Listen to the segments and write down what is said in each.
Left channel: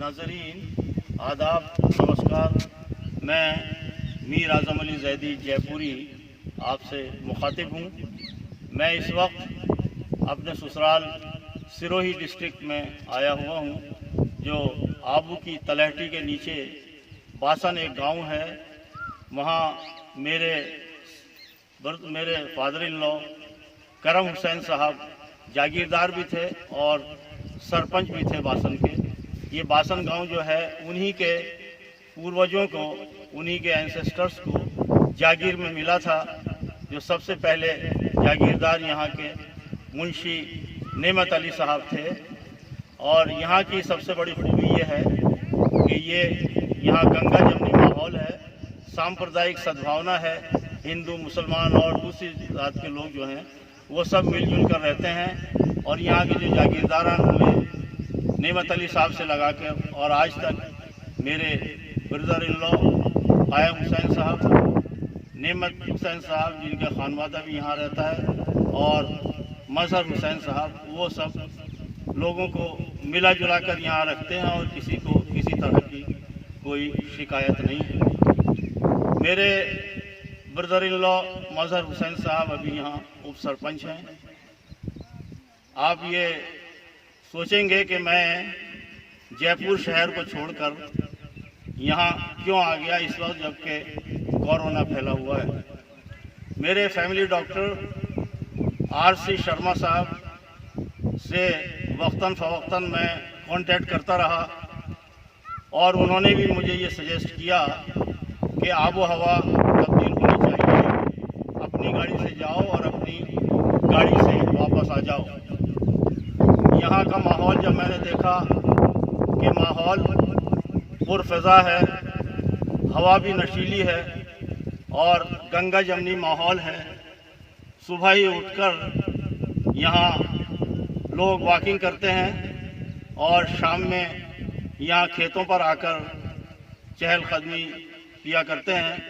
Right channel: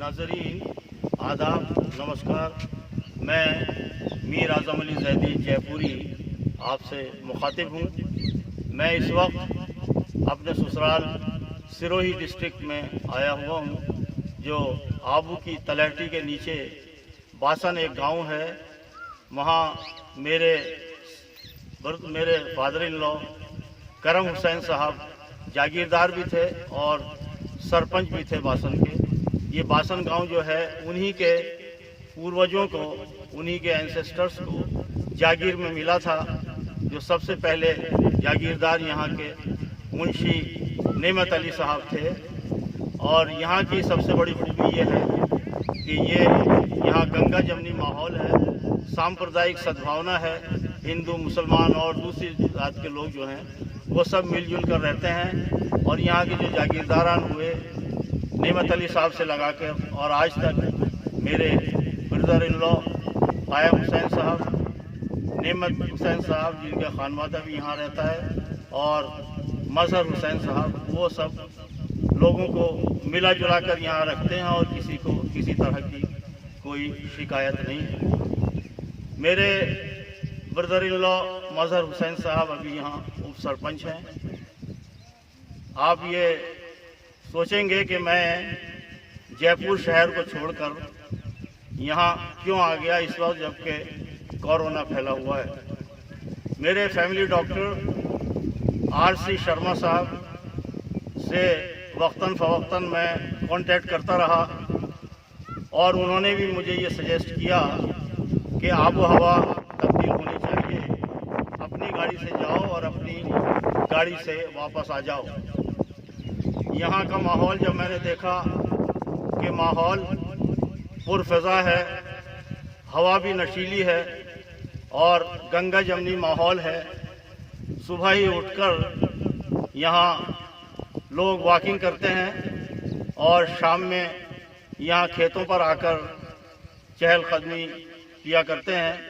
नाज़रीन आदाब, नमस्कार। मैं मीर आज़म अली ज़ैदी जयपुरी आपसे मुखातिब हूँ। मैं इस वक्त अपने ससुराल सिरोही डिस्ट्रिक्ट में आया हुआ हूँ, जो आबू की तलहटी के नीचे बासन एक गांव है। वहाँ मेरे फादर इन लॉ करम हुसैन साहब जागीरदार भी थे और सरपंच भी थे बासन के। ये बासन गांव जो है उन्हीं के पूर्वजों को, उन्हीं के एंसेस्टर्स को जागीर में मिला था। जो सबसे पहले जागीरदार यहाँ के मुंशी नेमत अली साहब थे। और यहाँ की सबसे बड़ी खूबी ये है कि ये यहाँ गंगा जमनी माहौल है, सांप्रदायिक सद्भावना है। हिंदू, मुसलमान और दूसरी जात के लोग जो हैं वो सब मिलजुल कर रहते हैं। और यहाँ के जो जागीरदारान हुए नेमत अली साहब से लगा के, और आज तक मेरे ब्रदर इन लॉ कायम हुसैन साहब, नेमत हुसैन साहब जिनका खानवादा भी यहाँ रहता है, और मजहर हुसैन साहब, वो सब लोगों को मिला जुला कर यहाँ रखते हैं और किसी को किसी तरह की कोई शिकायत नहीं है। मेरे ब्रदर इन लॉ मजहर हुसैन साहब अभी यहाँ उप सरपंच हैं। आप ये सोचेंगे कि मैं जयपुर शहर को छोड़कर यहाँ क्यों आ गया इस वक्त जबकि कोरोना फैला हुआ है। मेरे फैमिली डॉक्टर आर.सी. शर्मा साहब से वक्तन फ़वक्तन मैं कांटेक्ट करता रहा और उन्होंने भी मुझे ये सजेस्ट किया कि आबो हवा तब्दील होनी चाहिए, अपनी गाड़ी से जाओ और अपनी गाड़ी से वापस आ जाओ। यहाँ का माहौल जब मैंने देखा कि माहौल पुरफ़िज़ा है, हवा भी नशीली है और गंगा जमनी माहौल है। सुबह ही उठकर यहाँ लोग वॉकिंग करते हैं और शाम में यहाँ खेतों पर आकर चहलकदमी किया करते हैं।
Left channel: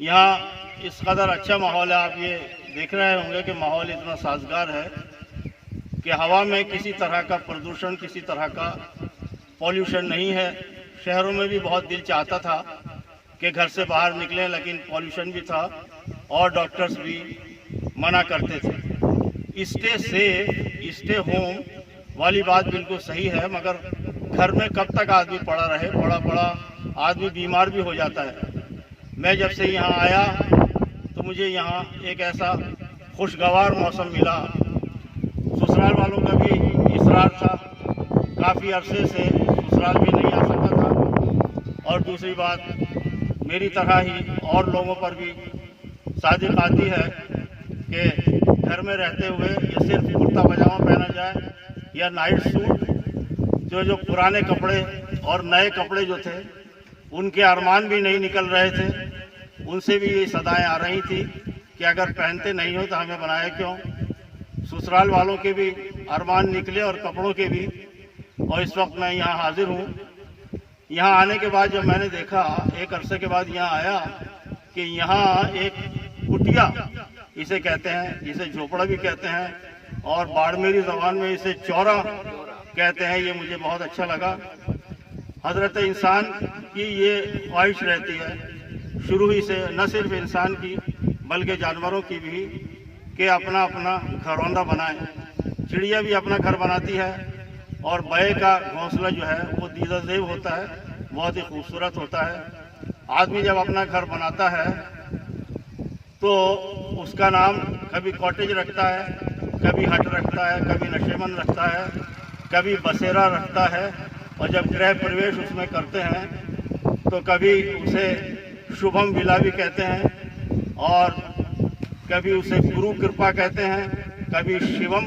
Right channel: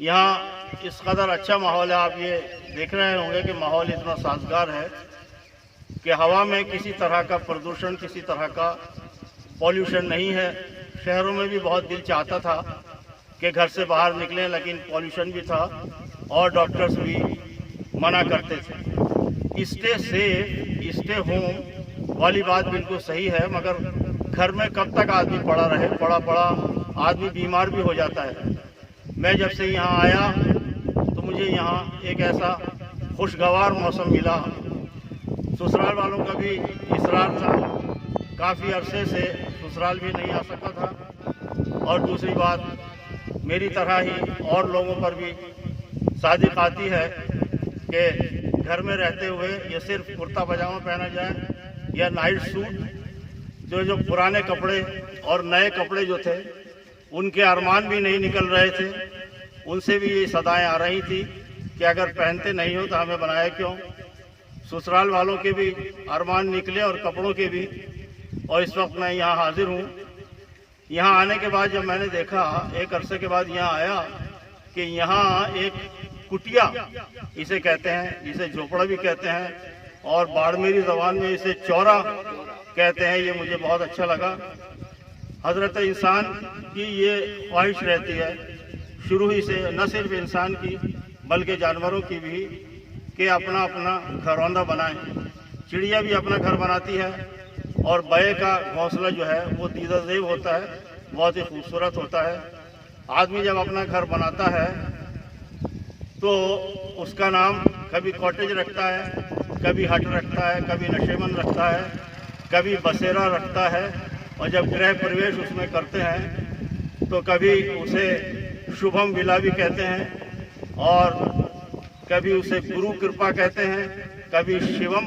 यहाँ इस कदर अच्छा माहौल है, आप ये देख रहे होंगे कि माहौल इतना साजगार है कि हवा में किसी तरह का प्रदूषण, किसी तरह का पॉल्यूशन नहीं है। शहरों में भी बहुत दिल चाहता था कि घर से बाहर निकलें, लेकिन पॉल्यूशन भी था और डॉक्टर्स भी मना करते थे। स्टे सेफ, स्टे होम वाली बात बिल्कुल सही है, मगर घर में कब तक आदमी पड़ा रहे, पड़ा आदमी बीमार भी हो जाता है। मैं जब से यहाँ आया तो मुझे यहाँ एक ऐसा खुशगवार मौसम मिला। ससुराल वालों का भी इसरार था, काफ़ी अरसे से ससुराल भी नहीं आ सकता था। और दूसरी बात, मेरी तरह ही और लोगों पर भी सादिक आती है कि घर में रहते हुए ये सिर्फ कुर्ता पजामा पहना जाए या नाइट सूट। जो पुराने कपड़े और नए कपड़े जो थे उनके अरमान भी नहीं निकल रहे थे, उनसे भी ये सदाएं आ रही थी कि अगर पहनते नहीं हो तो हमें बनाया क्यों। ससुराल वालों के भी अरमान निकले और कपड़ों के भी। और इस वक्त मैं यहाँ हाजिर हूँ। यहाँ आने के बाद जब मैंने देखा, एक अरसे के बाद यहाँ आया, कि यहाँ एक कुटिया इसे कहते हैं, इसे झोपड़ा भी कहते हैं और बाड़मेरी ज़बान में इसे चौरा कहते हैं। ये मुझे बहुत अच्छा लगा। हज़रत इंसान की ये ख्वाहिश रहती है शुरू ही से, न सिर्फ इंसान की बल्कि जानवरों की भी, कि अपना अपना घरौंदा बनाएं। चिड़िया भी अपना घर बनाती है और बए का घोंसला जो है वो दीदाज़ेब होता है, बहुत ही खूबसूरत होता है। आदमी जब अपना घर बनाता है तो उसका नाम कभी कॉटेज रखता है, कभी हट रखता है, कभी नशेमंद रखता है, कभी बसेरा रखता है। और जब गृह प्रवेश उसमें करते हैं तो कभी उसे शुभम विला भी कहते हैं और कभी उसे गुरु कृपा कहते हैं, कभी शिवम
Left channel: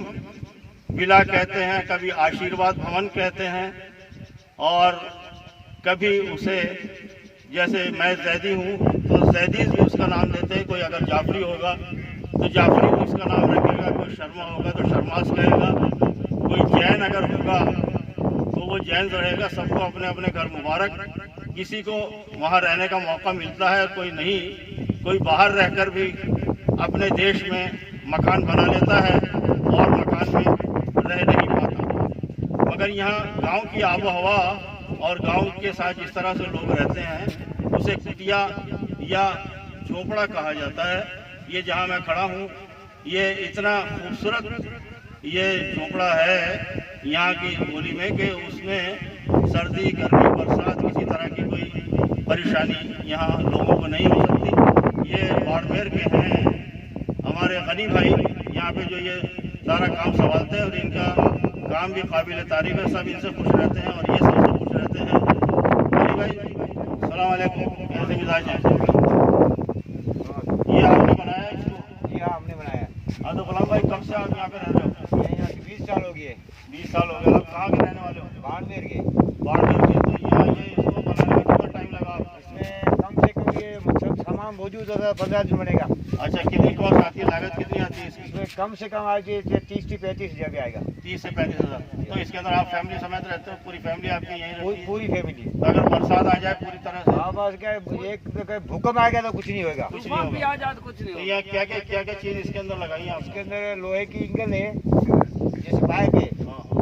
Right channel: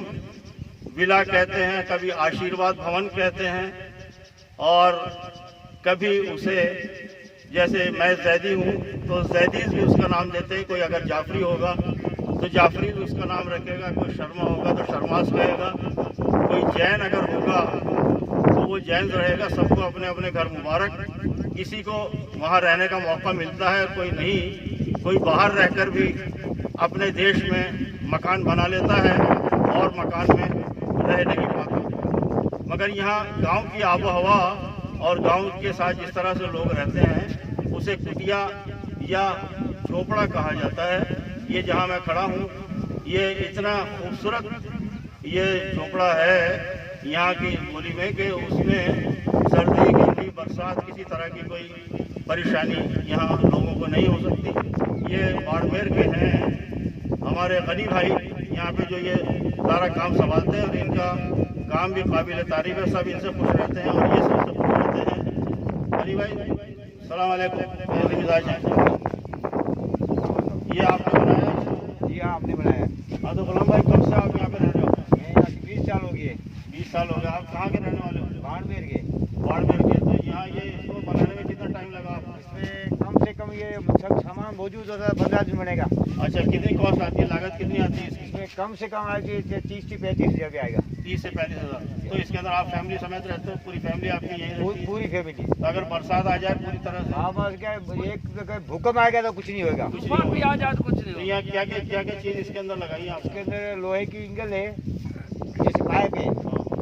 विला कहते हैं, कभी आशीर्वाद भवन कहते हैं और कभी उसे, जैसे मैं जैदी हूँ तो जैदीज भी उसका नाम देते हैं। कोई अगर जाफरी होगा तो जाफरी भी उसका नाम रखेगा, कोई शर्मा होगा तो शर्मास कहेगा, कोई जैन अगर होगा तो वो जैन रहेगा। सबको अपने अपने घर मुबारक। किसी को वहाँ रहने का मौका मिलता है, कोई नहीं, कोई बाहर रहकर भी अपने देश में मकान बना लेता है और मकान में रह नहीं पाता। मगर यहाँ गांव की आबो हवा और गांव के साथ जिस तरह से लोग रहते हैं उसे कुटिया या झोपड़ा कहा जाता है। ये जहाँ मैं खड़ा हूँ ये इतना खूबसूरत ये झोपड़ा है यहाँ की बोली में कि उसमें सर्दी गर्मी बरसात किसी तरह की कोई परेशानी यहाँ लोगों को नहीं हो सकती। ये बाड़मेर के हैं हमारे गनी भाई, यहाँ पे जो ये सारा काम संभालते हैं और इनका काम भी काबिल तारीफ है। सब इनसे खुश रहते हैं और ये सबसे खुश रहते हैं। गनी भाई सलाम अलैकुम, कैसे मिजाज हैं? ये आपने बनाया? जी हाँ, आपने बनाया। हाँ, तो गुलाम भाई कब से आप यहाँ पे रह रहे हो? ये 20 साल हो गए। 20 साल हो गए। आप कहाँ के रहने वाले हो? बाड़मेर के। बाड़मेर के। तो यहाँ ये इसको बनाने में कितना टाइम लगा आपको? इसमें कम से कम ये सब सामान मौजूद होता है, 15 दिन बनेगा। अच्छा, कितनी कॉस्ट आती है, लागत कितनी आती है इसकी? इसमें कम से कम आएगी 30 से 35 हज़ार रुपये आएगा। 30 से 35 हज़ार। तो इसके अंदर आप फैमिली समेत रहते हो? पूरी फैमिली आपकी यहीं रहती है? पूरी फैमिली। तो अगर बरसात आ जाए पूरी तरह से? हाँ, बस क्या एक भूकंप आएगा तो कुछ नहीं होगा। कुछ नहीं होगा। तो यहाँ क्या क्या चीज़ इसके अंदर लगाई है इसके आपके? अंदर लोहे की इंगल है, जैसे पाइप है,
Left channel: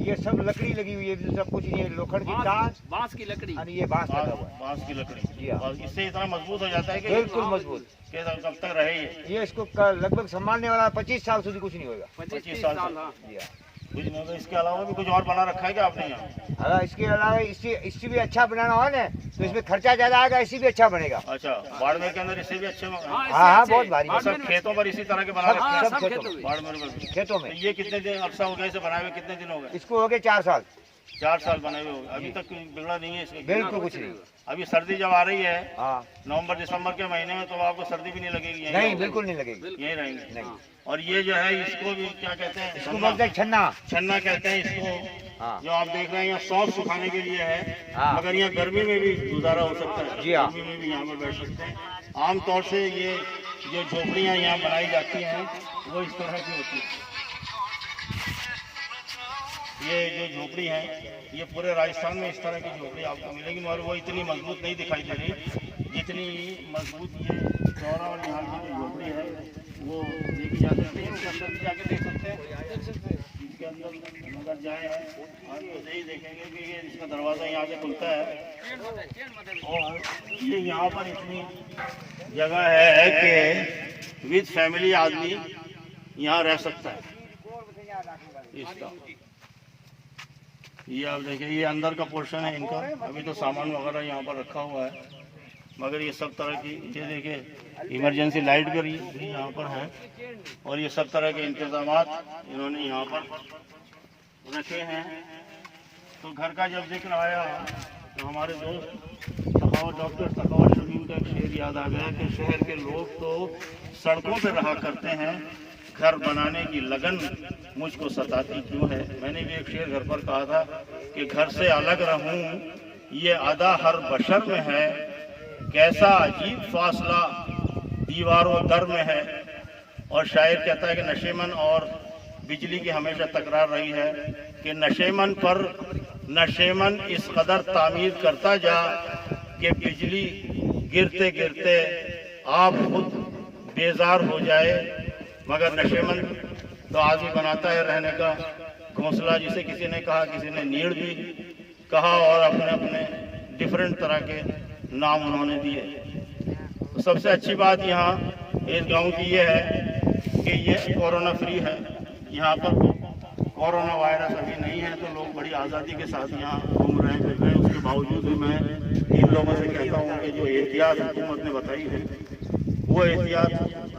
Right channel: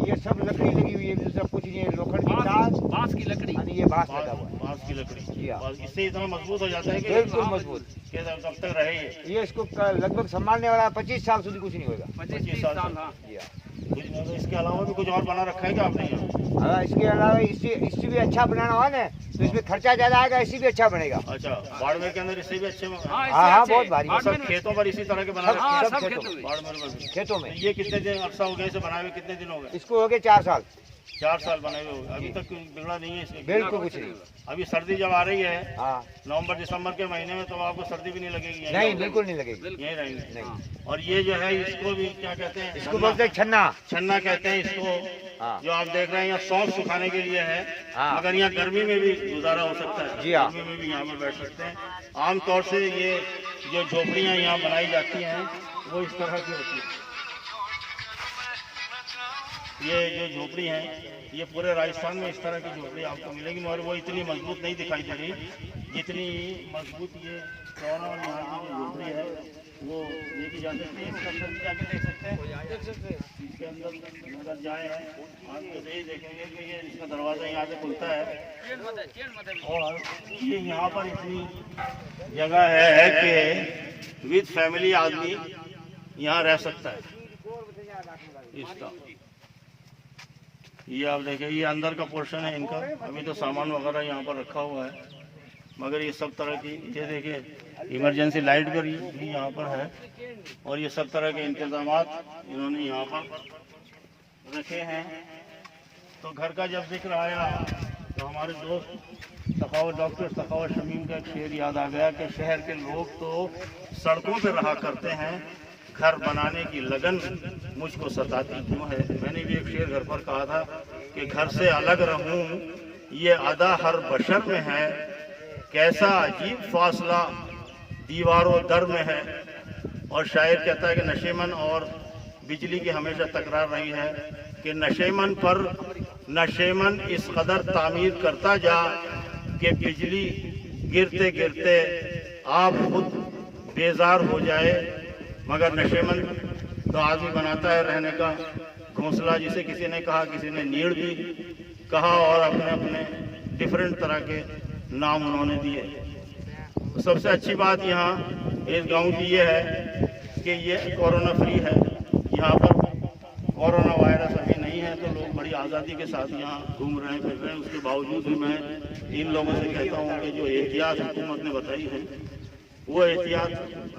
ये सब लकड़ी लगी हुई है, सब कुछ नहीं है। लोखंड की तार, बांस की लकड़ी और ये बांस लगा हुआ है। बांस की लकड़ी। जी हाँ। और इससे इतना मजबूत हो जाता है कि बिल्कुल मजबूत। कब तक रहे ये? ये इसको लगभग संभालने वाला 25 साल સુધી कुछ नहीं होगा। 25 साल से। जी हाँ। कुछ नहीं होगा। इसके अलावा भी कुछ और बना रखा है क्या आपने यहाँ? अगर इसके अलावा इससे भी अच्छा बनाना हो ना तो इसमें खर्चा ज्यादा आएगा, इससे भी अच्छा बनेगा। अच्छा, बाड़मेर के अंदर इससे भी अच्छे हाँ, बहुत भारी। सब खेतों पर इसी तरह के बना रखे हैं? सब खेतों में। बाड़मेर में खेतों में। तो ये कितने दिन अरसा हो गया इसे बनाए हुए? कितने दिन हो गए? इसको हो गए 4 साल। 4 साल बने हुए हो गए। अभी तक बिगड़ा नहीं है इसके? बिल्कुल कुछ नहीं। अभी सर्दी जब आ रही है हाँ, नवंबर दिसंबर के महीने में, तो आपको सर्दी भी नहीं लगेगी? यहीं नहीं, रहोगे? बिल्कुल नहीं लगेगी। यहीं रहेंगे? नहीं। और ये जो है इसको भी क्या कहते हैं? इसको बोलते हैं छन्ना। छन्ना कहते हैं इसको। हाँ। जो आप देख रहे हैं यहाँ सौंफ सुखाने के लिए है। हाँ। मगर यहाँ गर्मी में भी गुजारा हो सकता है। जी हाँ। गर्मी में भी यहाँ पर बैठ सकते हैं। आमतौर से ये जो झोपड़ियाँ यहाँ बनाई जाती हैं वो इस तरह की होती है। ये जो झोपड़ी है ये पूरे राजस्थान में इस तरह की झोपड़ी आपको मिलेगी, मगर वो इतनी मजबूत नहीं दिखाई दे रही जितनी मजबूत ये चौरा और यहाँ की जो झोपड़ी है वो देखी जा सकती है। इसके अंदर भी जाके देख सकते हैं। इसके अंदर अगर जाए हैं आप तो यही देखेंगे कि ये इसका दरवाज़ा यहाँ से खुलता है और ये यहाँ पर इतनी जगह है कि विद फैमिली आदमी यहाँ रह सकता है। इसका ये आप देखिए, ये अंदर का पोर्शन है इनका। अभी तो सामान वगैरह यहाँ पर रखा हुआ है, मगर ये सब तरह की, ये देखिए इमरजेंसी लाइट भी यहाँ पर है और ये सब तरह के इंतजामात इन्होंने यहाँ पर रखे हैं। तो घर का जब जिक्र आया तो हमारे दोस्त डॉक्टर सखावत शमीम का एक शेर याद आ गया कि शहर के लोग तो सड़कों पर रहा करते हैं, घर बनाने की लगन मुझको सताती क्यों है। मैंने भी एक शेर घर पर कहा था कि घर से अलग रहूं ये अदा हर बशर में है, कैसा अजीब फासला दीवारों दर में है। और शायर कहता है कि नशेमन और बिजली की हमेशा तकरार रही है कि नशेमन पर नशेमन इस कदर तामीर करता जा कि बिजली गिरते गिरते आप खुद बेजार हो जाए। मगर नशेमन तो आदमी बनाता है रहने का घोंसला, जिसे किसी ने कहा, किसी ने नीड़ भी कहा और अपने अपने डिफरेंट तरह के नाम उन्होंने दिए। तो सबसे अच्छी बात यहाँ इस गांव की ये है कि ये कोरोना फ्री है। यहाँ पर कोरोना वायरस अभी नहीं है, तो लोग बड़ी आज़ादी के साथ यहाँ घूम रहे हैं, फिर रहे हैं। उसके बावजूद भी मैं इन लोगों से कहता हूँ कि जो एहतियात हुकूमत ने बताई है वो एहतियात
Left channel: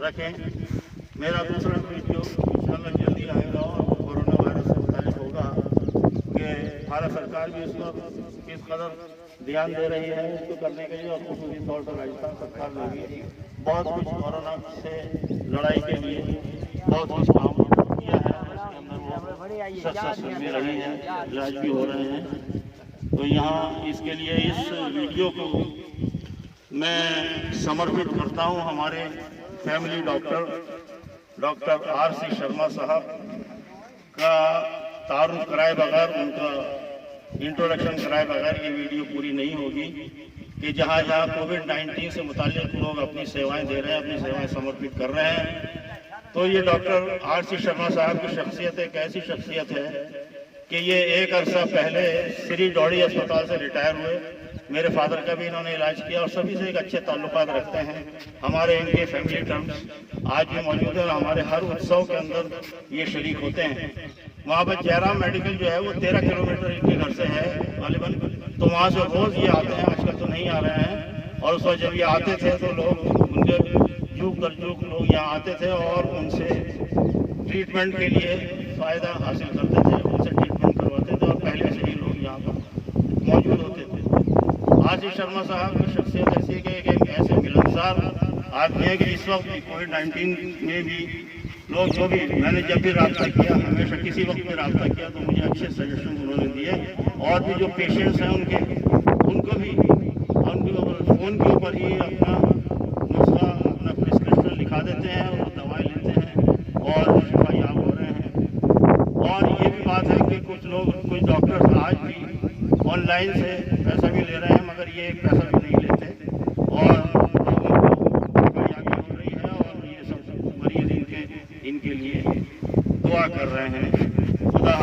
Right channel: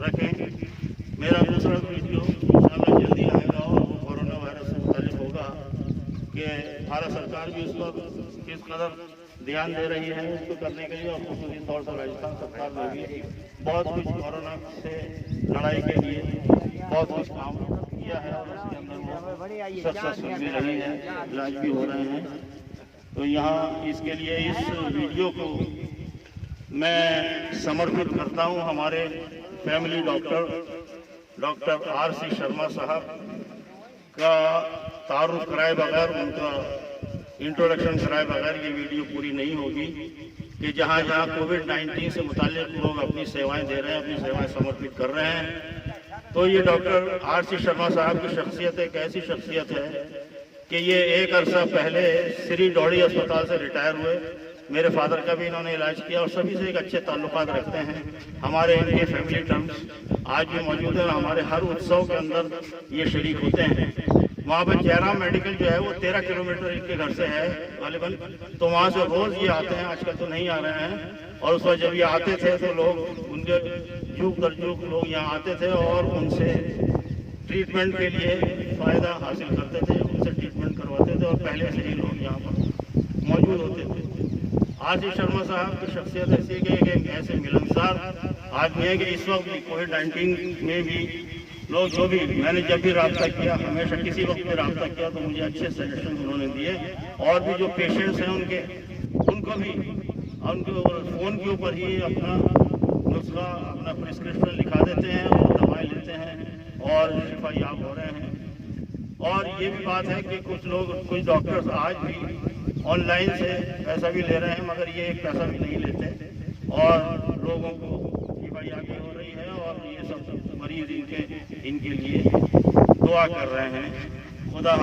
रखें। मेरा दूसरा वीडियो इंशाअल्लाह जल्दी आएगा और कोरोना वायरस से मुताल्लिक होगा कि भारत सरकार भी उस पर किस कदर ध्यान दे रही है इसको करने के लिए, और खुसूसी तौर पर राजस्थान सरकार ने भी बहुत कुछ कोरोना से लड़ाई के लिए बहुत कुछ काम किया है। सक्सेसफुल भी रही है, इलाज भी हो रहे हैं। तो यहाँ इसके लिए इस वीडियो को मैं समर्पित करता हूँ हमारे फैमिली डॉक्टर आर.सी. शर्मा साहब का तारुफ कराए बगैर, उनका इंट्रोडक्शन कराए बगैर ये वीडियो पूरी नहीं होगी कि जहाँ जहाँ कोविड-19 से मुताल्लिक लोग अपनी सेवाएं दे रहे हैं, अपनी सेवाएं समर्पित कर रहे हैं। तो ये डॉक्टर आर.सी. शर्मा साहब की शख्सियत एक ऐसी शख्सियत है कि ये एक अरसा पहले श्री डॉडी अस्पताल से रिटायर हुए। मेरे फादर का भी इन्होंने इलाज किया और सभी से एक अच्छे ताल्लुकात रखते हैं। हमारे इनके फैमिली टर्म्स आज भी मौजूद है और हमारे हर उत्सव के अंदर ये शरीक होते हैं। वहाँ पर जयराम मेडिकल जो है वो 13 किलोमीटर इनके घर से है गालिबन, तो वहाँ से रोज़ ये आते हैं। आजकल तो नहीं आ रहे हैं, और उस वक्त जब ये आते थे तो लोग उनके जुग दर जुग लोग यहाँ आते थे और उनसे ट्रीटमेंट के लिए फ़ायदा हासिल करते थे, उनसे ट्रीटमेंट करवाते थे और पहले से ही लोग यहाँ पर मौजूद होते थे। आशीष शर्मा साहब की शख्सियत ऐसी है कि एक ऐसे मिलनसार आदमी है कि इस वक्त कोविड-19 में भी लोग जो भी मैंने जब भी रब्ता किया, हमेशा किसी वक्त में रब्ता किया तो मुझे अच्छे सजेशन उन्होंने दिए। और भी जो पेशेंट्स हैं उनको भी उनके फ़ोन के ऊपर ही अपना नुस्खा, अपना प्रिस्क्रिप्शन लिखा देते हैं और दवाएँ लेते हैं और शिफायाब हो रहे हैं। और ये भी बात है कि कुछ डॉक्टर्स आज भी ऑनलाइन से पैसा भी ले रहे हैं, मगर ये पैसा भी नहीं लेते और लोगों को शिफायाबी हो रही है और ये सब मरीज इनके लिए दुआ कर रहे हैं। खुदा